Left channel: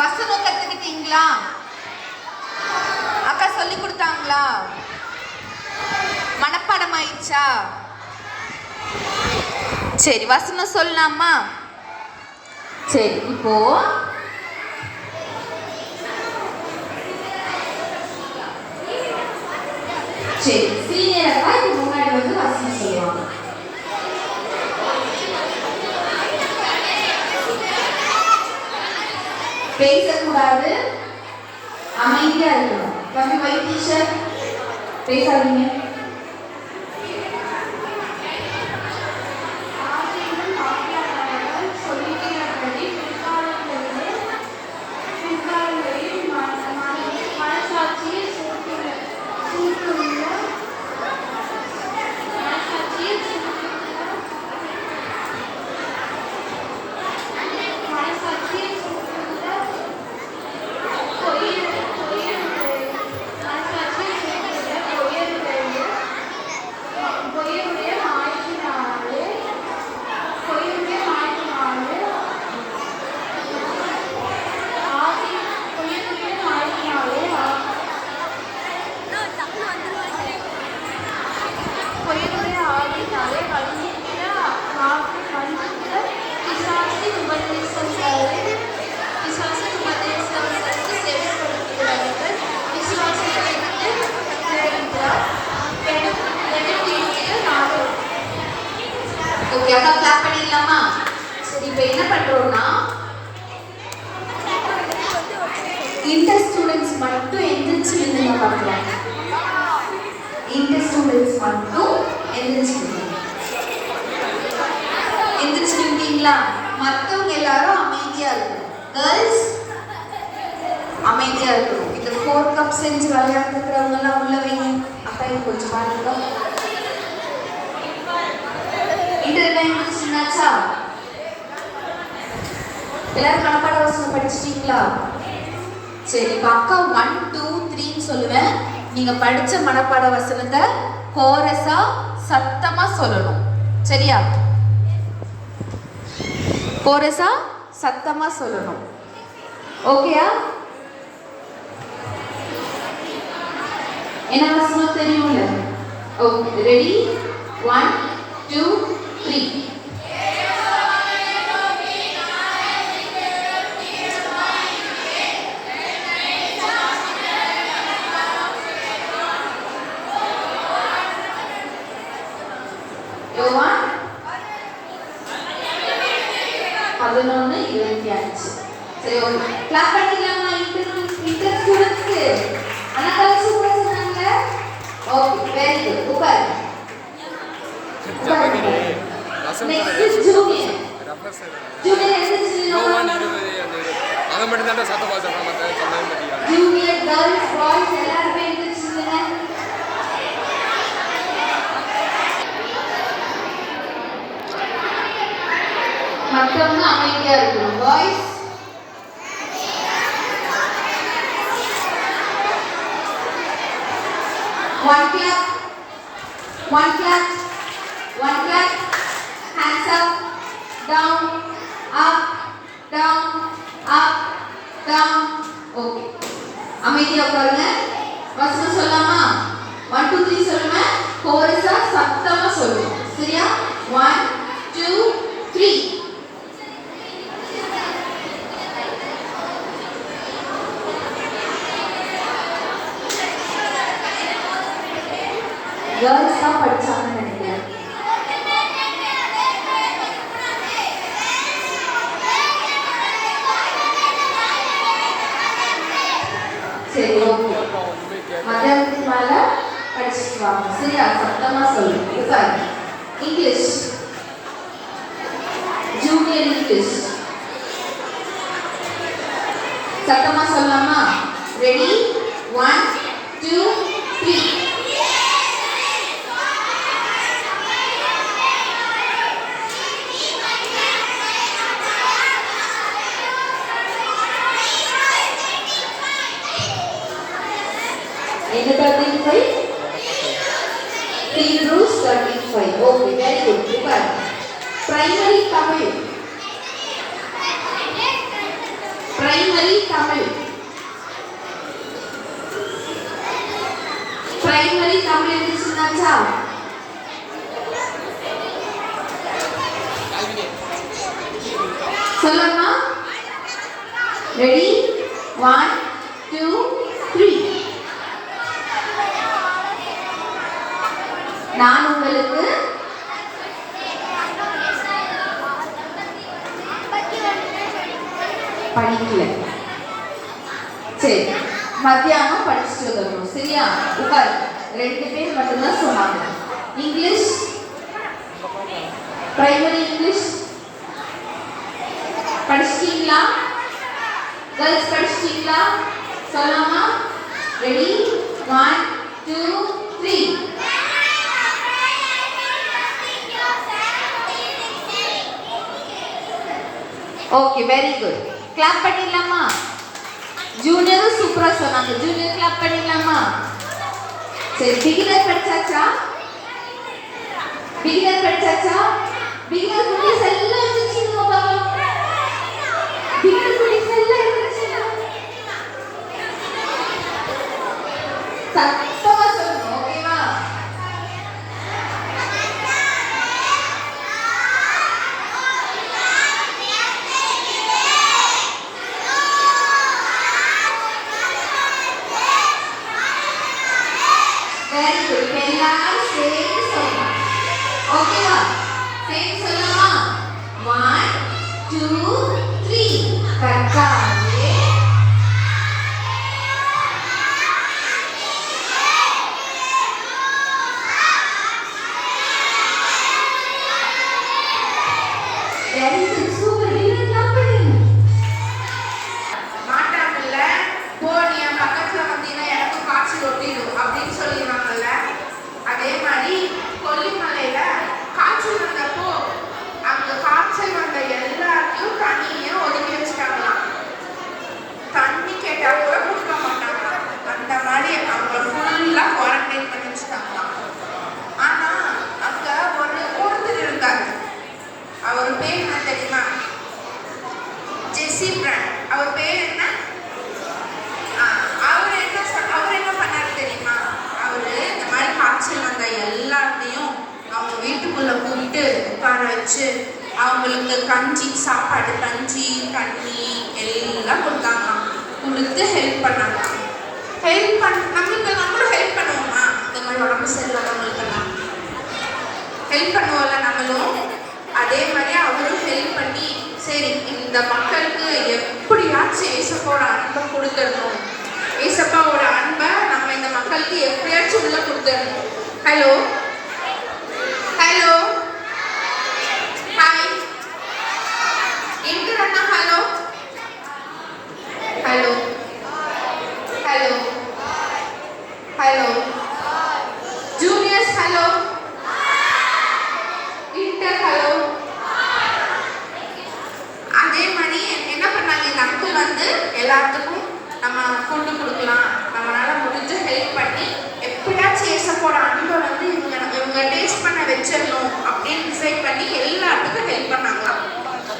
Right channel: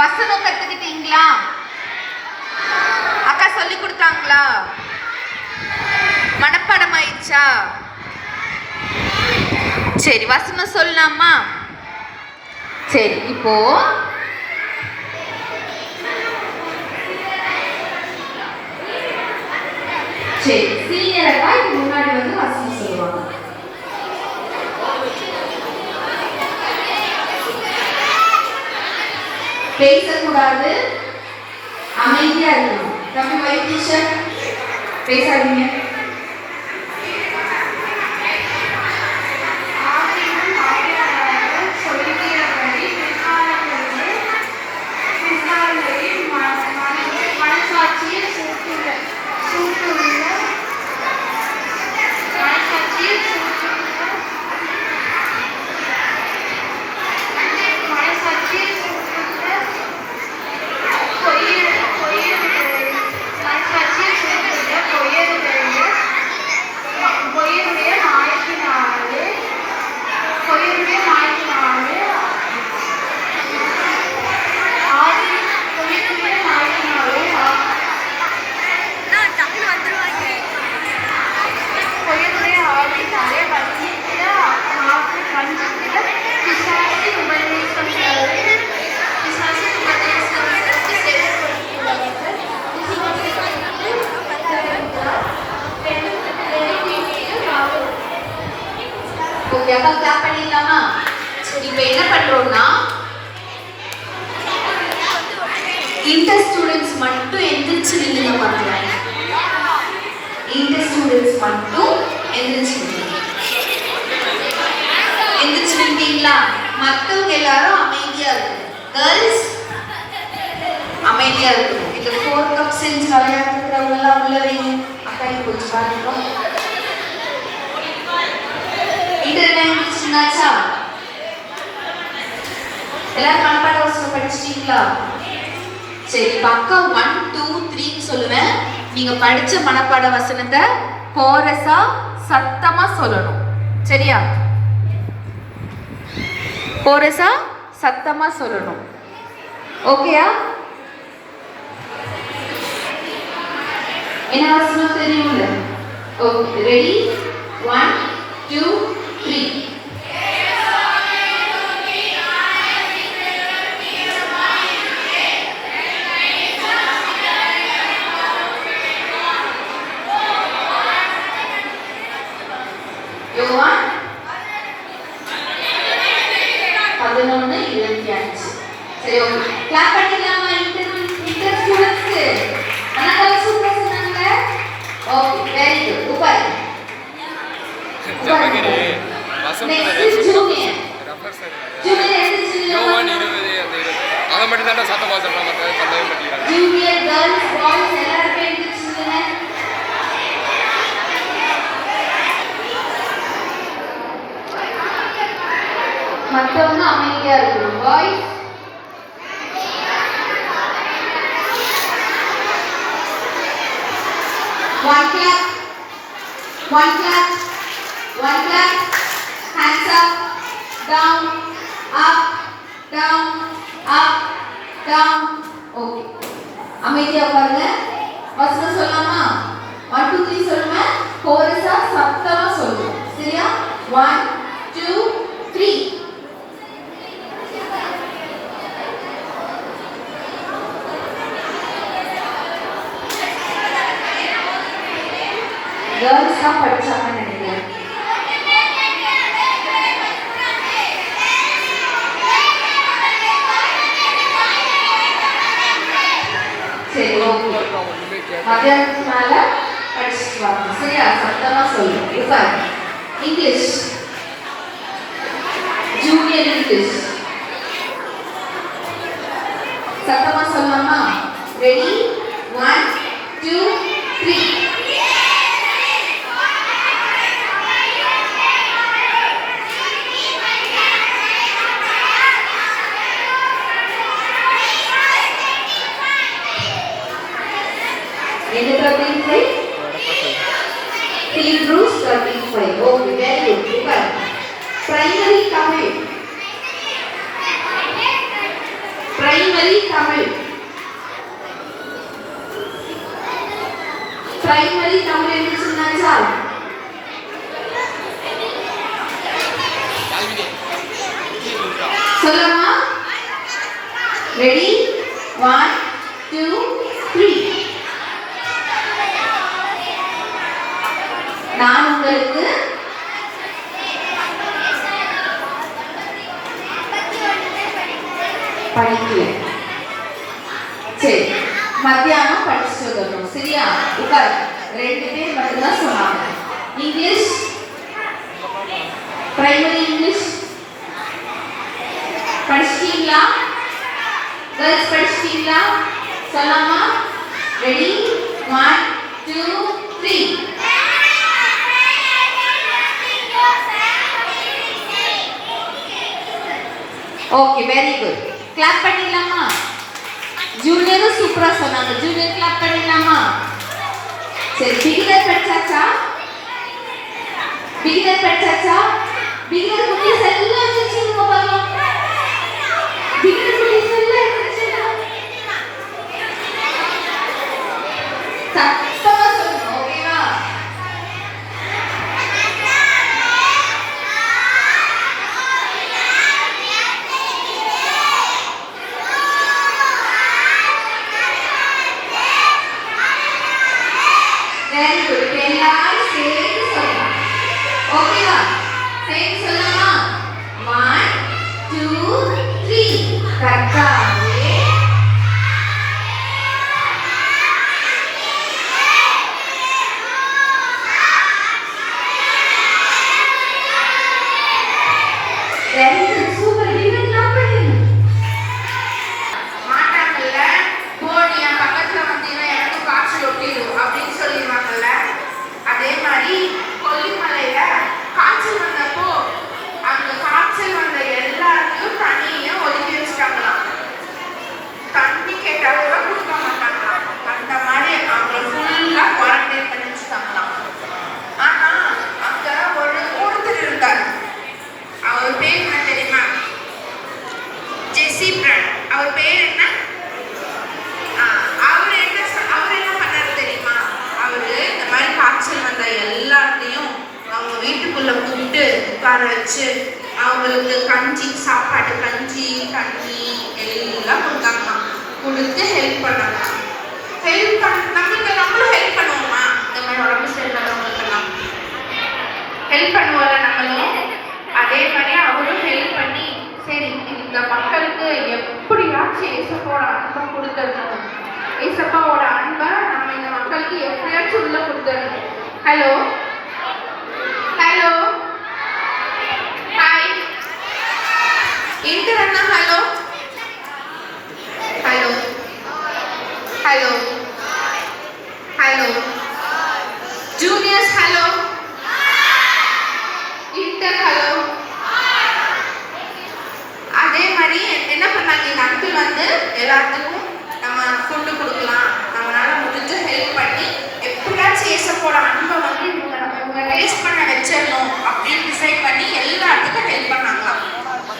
வசனம் கத்துக்கிட்டீங்களா? அக்கா சொல்லி கொடுத்தாங்களா? மனப்பாடம் ஆயிடுச்சா? சரி, வசனம் சொல்லலாமா? சரி, இப்போ சரி, சீனியரா முன்னாடி வந்து வசனம் சொல்லுவாங்க. பேசக்கூடாது, அமைதியா இருக்கணும். தம்பி வைட் டீச்சர் பேசாதீங்க. அக்கா கிளாப் பண்ணிடலாமா? இப்போ என்ன பண்றோம்னா, இன்டர் ஸ்டூடெண்ட்ஸ் மட்டும் எந்திரிச்சு நில்லுங்க பார்க்கலாம். இன்டர் ஸ்டூடெண்ட்ஸ் மட்டும் எந்திரிச்சு நின்றீங்களா? மற்றவங்க எல்லாரும் அமைதியா இருக்கணும். கேர்ள்ஸ் அமைதியா இருக்கணும். இந்த 4 கப் செஞ்சு விளையாடுறவங்க எல்லாம் உள்ள வைங்க. அக்கா கொஞ்சம் பாருங்க. என்னாச்சா? எல்லாரும் மனப்பாட வசனம் படிச்சிட்டீங்களா? சரி, பக்கம் 1 2 3 சொல்லுவேன். நீங்க படிச்ச மனப்பாட வசனத்தை கோரஸா சத்தமா சொல்லணும். சரியா? கோரஸா சத்தமா சொல்லணும். ஓகேயா? என்ன வசனம் தெரியும்ல? Okay, ready? 1 2 3. யோவான் 11:25. சரி, ஓகே. கிளாப் பண்ணிடலாமா? இன்டர் ஸ்டூடெண்ட்ஸ்க்கு அண்ணா சூப்பரா சொன்னாங்க. Okay, very good. உட்காருங்க. Next junior. ஜூனியர் யோவான் 20 அத மட்டும் தான் சத்தமா சொல்றாங்க. ஜூனியர் गर्ल्स பாய்ஸ் எல்லாரும் எழுந்திருச்சுங்க. மற்றவங்க அமைதியா இருக்கணும். Boys one clap, hands up, down, up, down, up, down. Okay. அமைதியா உட்காருங்க. வசனம் சொல்லலாமா? 1 2 3 சொல்லுங்க. கோரஸா சத்தமா சொல்லணும். சரியா? 1 2 3. கேர்ள்ஸ் தான் படிச்சாங்கன்னு நினைக்கிறேன். சரி, ஓகே. மத்தியானத்துக்கு மேல படிச்சுட்டு வாங்க. சரியா? சத்தமா சொல்லுங்க. இப்போ இங்கிலீஷ், ஜூனியர் இங்கிலீஷ் சத்தமா சொல்லலாமா? ரெடி? 1 2 3. என்ன 35? Field rules 35. Okay, very good. Super. Primary Tamil. Primary Tamil. Primary Tamil என்று சொன்னாச்சா? சொல்லலாமா? ரெடி? 1 2 3. நான் உங்களுக்கு படிக்கல. சரி, மத்தியானம் படிச்சுட்டு வரணும். சரியா? உட்கார். 2 பேர் மட்டும்தான் சொன்னாங்க. இங்கிலீஷ், பிரைமரி இங்கிலீஷ் படிச்சிட்டீங்களா? கேர்ள்ஸ் படிச்சிட்டீங்களா? சொல்லலாமா? Ready? 1 2 3. Okay, very good. Clap பண்ணிடலாமா? ஜூனியர் சூப்பரா சொன்னாங்க. ஜூனியர் கிளாப் பண்ணிடலாமா? சரி, பிகினர் படிச்சாச்சா? பிகினர் படிச்சாச்சா? பிகினர் குட்டீஸ் எல்லாம் வச்சிருக்கீங்க பாருங்க. பிகினர் குட்டீஸ் எல்லாம் வச்சிருக்கீங்க. சத்தமா சொல்லுங்க. ஓகேவா? Very good. எல்லாரும் சேர்ந்து சொல்லலாம். ஓகேவா? சேர்ந்து சொல்லலாமா? 1 2 3. கற்காதே, வெரி குட். சூப்பர். நீங்க பண்ணுங்க. மாட்டாங்கல்ல, போனியா பக்கத்துல வந்தீங்கன்னா எனக்கு காய்ச்சல் ஒட்டிடும் அப்படின்னு சொல்லிடுவாங்கல்ல. அதே மாதிரி கொல்லிமலையில காய்ச்சல் வந்தப்போ அங்க காய்ச்சல் வந்த எல்லாத்தையும் தண்ணியை ஒதுக்கி வச்சுட்டாங்களாம். தண்ணி கேட்டா கூட கொடுக்க மாட்டாங்களாம். அந்த மாதிரி அவங்க ஃபுல்லா குவாரண்டைன் பண்ணி வச்சுட்டாங்களாம். ஆனா அங்க ஒருத்தர் இருந்தாரு. அவர் பேர் என்ன தெரியுமா? ஜெசி பிராண்ட். அவர் பேர் என்ன? அவர் என்ன பண்ணாரு தெரியுமா? அவரு இந்த மாதிரி காய்ச்சல் வந்த எல்லாத்தையும் அவங்க வீட்டுக்குள்ள கூப்பிட்டு உட்கார வச்சு அவங்களுக்கு கஞ்சி, சாப்பாடு, கஞ்சி, தண்ணி எல்லாம் கொடுத்தாங்களாம். கொடுத்து ஹெல்ப் பண்ணாங்க. ஹெல்ப் நம்மளும் ஹெல்ப் பண்ணுவோமா? இந்த மாதிரி உடம்பு சரியில்லாதவங்களுக்கெல்லாம் ஹெல்ப் பண்ணுவோம்ல நம்மளும். அதே மாதிரி அவரும் ஹெல்ப் பண்ணி, சரி இந்த மக்களுக்கு எப்படியாச்சும் ஏசப்பாவோட அன்பை கொடுத்துடணும், ஏசப்பாவோட அன்பை நம்ம இந்த மக்களுக்கு எப்படியாச்சும் உள்ள கொடுத்துடணும். ஹலோ ஹலோ ஹாய் இன்டர் அண்ணா. Hello hello hello hello juniors. Hello inter. Hello. அதே மாதிரி என்ன பண்ணாங்க இந்த அங்கிள் வந்து எல்லாத்துக்கும் நம்ம ஃபுட்டு கொடுக்கலாம், நம்மளால முடிஞ்ச ஹெல்ப் பண்ணி எப்படியாச்சும் ஏசப்போட அன்பை வந்து இவங்க டேஸ்ட் பண்ண வச்சிடணும் அப்படின்னு டிசைட் பண்ணி எல்லாத்துக்கும் ஹெல்ப் பண்ணாங்களாம்.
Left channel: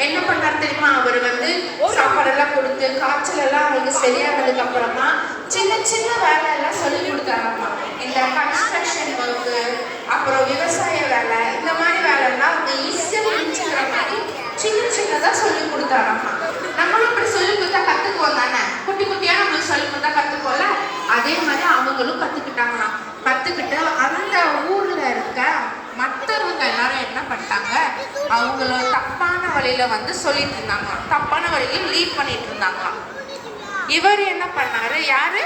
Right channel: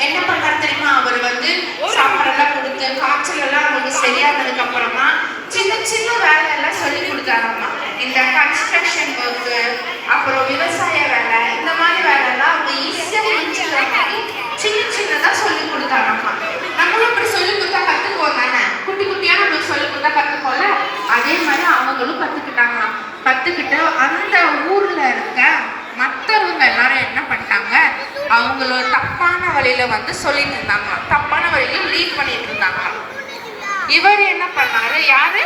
என்ன பண்ணாரு தெரியுமா? அவர் வந்து சாப்பாடெல்லாம் கொடுத்து காய்ச்சல் எல்லாம் அவங்களுக்கு சரியானதுக்கு அப்புறமா சின்ன சின்ன வேலையெல்லாம் சொல்லி கொடுத்தாராம்மா. இந்த கன்ஸ்ட்ரக்ஷன் ஒர்க்கு, அப்புறம் விவசாய வேலை, இந்த மாதிரி வேலைலாம் அவங்க ஈஸியாக முடிச்சுக்கிற மாதிரி சின்ன சின்னதாக சொல்லி கொடுத்தாராம்மா. நம்மளும் இப்படி சொல்லி கொடுத்தா கற்றுக்குவோம் தானே? குட்டி குட்டியாக நம்மளுக்கு சொல்லி கொடுத்தா கற்றுக்கோல. அதே மாதிரி அவங்களும் கற்றுக்கிட்டாங்களாம். கற்றுக்கிட்டு அந்த ஊரில் இருக்க மற்றவங்க எல்லாரும் என்ன பண்ணிட்டாங்க, அவங்களோட தப்பான வழியில வந்து சொல்லிட்டு இருந்தாங்களாம். தப்பான வழியில் லீட் பண்ணிட்டு இருந்தாங்களாம். இவர் என்ன பண்ணாரு? யாரு?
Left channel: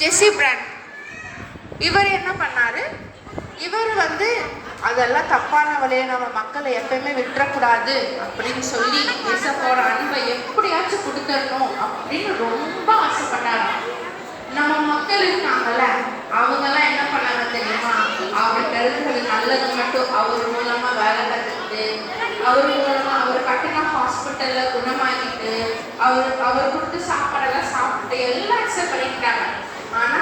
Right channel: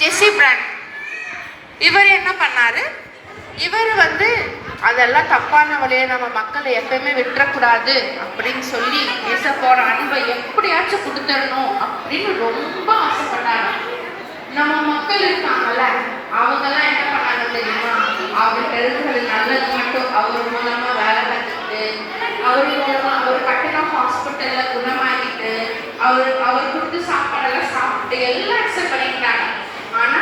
ஜெசி பிராண்ட். இவர் என்ன பண்ணாரு? இவர் வந்து அதெல்லாம் தப்பான வழியை நம்ம மக்களை எப்பயுமே விட்டுறக்கூடாது அப்படின்னு சொல்லி ஏசப்பாவோட அன்பை எப்படியாச்சும் கொடுத்துடணும் அப்படின்னு ரொம்ப ஆசைப்பட்டாரு. நம்ம மக்கள் இருக்காங்கல்ல, அவங்கெல்லாம் என்ன பண்ணாங்க தெரியுமா? அவருக்கு இருக்கிறது நல்லது மட்டும் அவர் மூலமா வேலை கற்றுக்கிட்டு, அவர் மூலமா அவர் கட்டின ஹாஸ்பிட்டல்ல குணமாகிட்டு, அவர் கொடுத்து சாப்பாடெல்லாம் சாப்பிட்டு எல்லாம் அக்செப்ட் பண்ணிக்கிட்டாங்க. ஆனா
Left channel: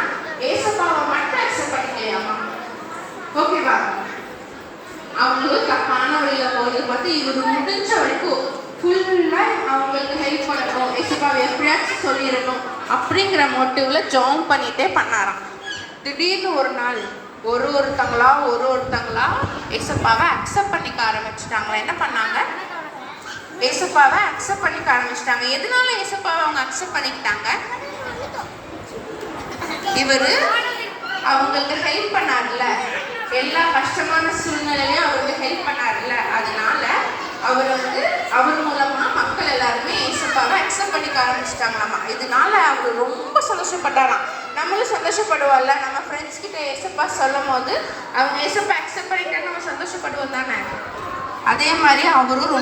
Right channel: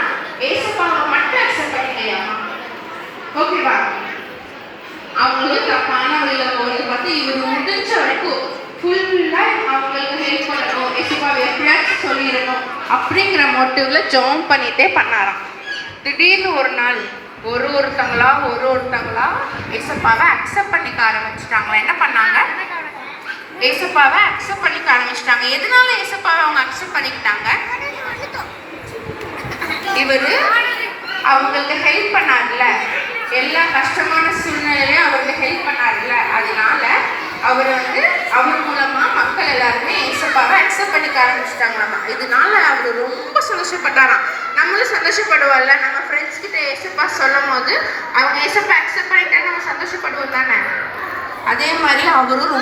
ஏசப்பாவை மட்டும் அக்செப்ட் பண்ணிக்கலையாமா. ஓகேவா? அவங்களும் தப்பான வழியில போறது பார்த்து இவர் முடிஞ்ச வரைக்கும் ஃபுல்லா அவங்களுக்கு ஹெல்ப் பண்ணணும், ஏசப்பா ஏசப்பாவை எப்படியாச்சும் சொல்லிடணும் அப்படிங்கிற மோட்டிவ்ல ஜெபம் பண்ணிட்டே பண்ணாராம். திடீர்னு ஒரு நாள் ஒருத்தங்களா ஏசப்பாவை அக்செப்ட் பண்ணிக்க ஆரம்பிச்சிட்டாங்க. என்ன பண்ணாங்க? ஏசப்பாவை அக்செப்ட் பண்ணிக்க ஆரம்பிச்சிட்டாங்க. எதனால ஏசப்பாவை அவங்க அக்செப்ட் பண்ணிக்கிட்டாங்க? இவரு அவங்களுக்கு ஹெல்ப் பண்ணார்ல, எல்லா கஷ்டமான சூழ்நிலையிலையும் அவருக்கு ஹெல்ப் பண்ணார்ல, அதனால அவர் மூலமா மக்கள் எல்லாருமே ஏசப்பாவை அக்செப்ட் பண்ணிக்க ஆரம்பிச்சிட்டாங்களாமா. இதனால அவர் ரொம்ப சந்தோஷப்பட்டாராம். நம்மளும் சந்தோஷப்படுவோம்ல, நம்ம ஃப்ரெண்ட்ஸ் கிட்ட ஏசப்பா சொல்லும் போது அவங்க ஏசப்பா அக்செப்ட் பண்ணிட்டேன்னு நம்ம சந்தோஷப்படுவோம் தானே. அதே மாதிரி அவரும் ரொம்ப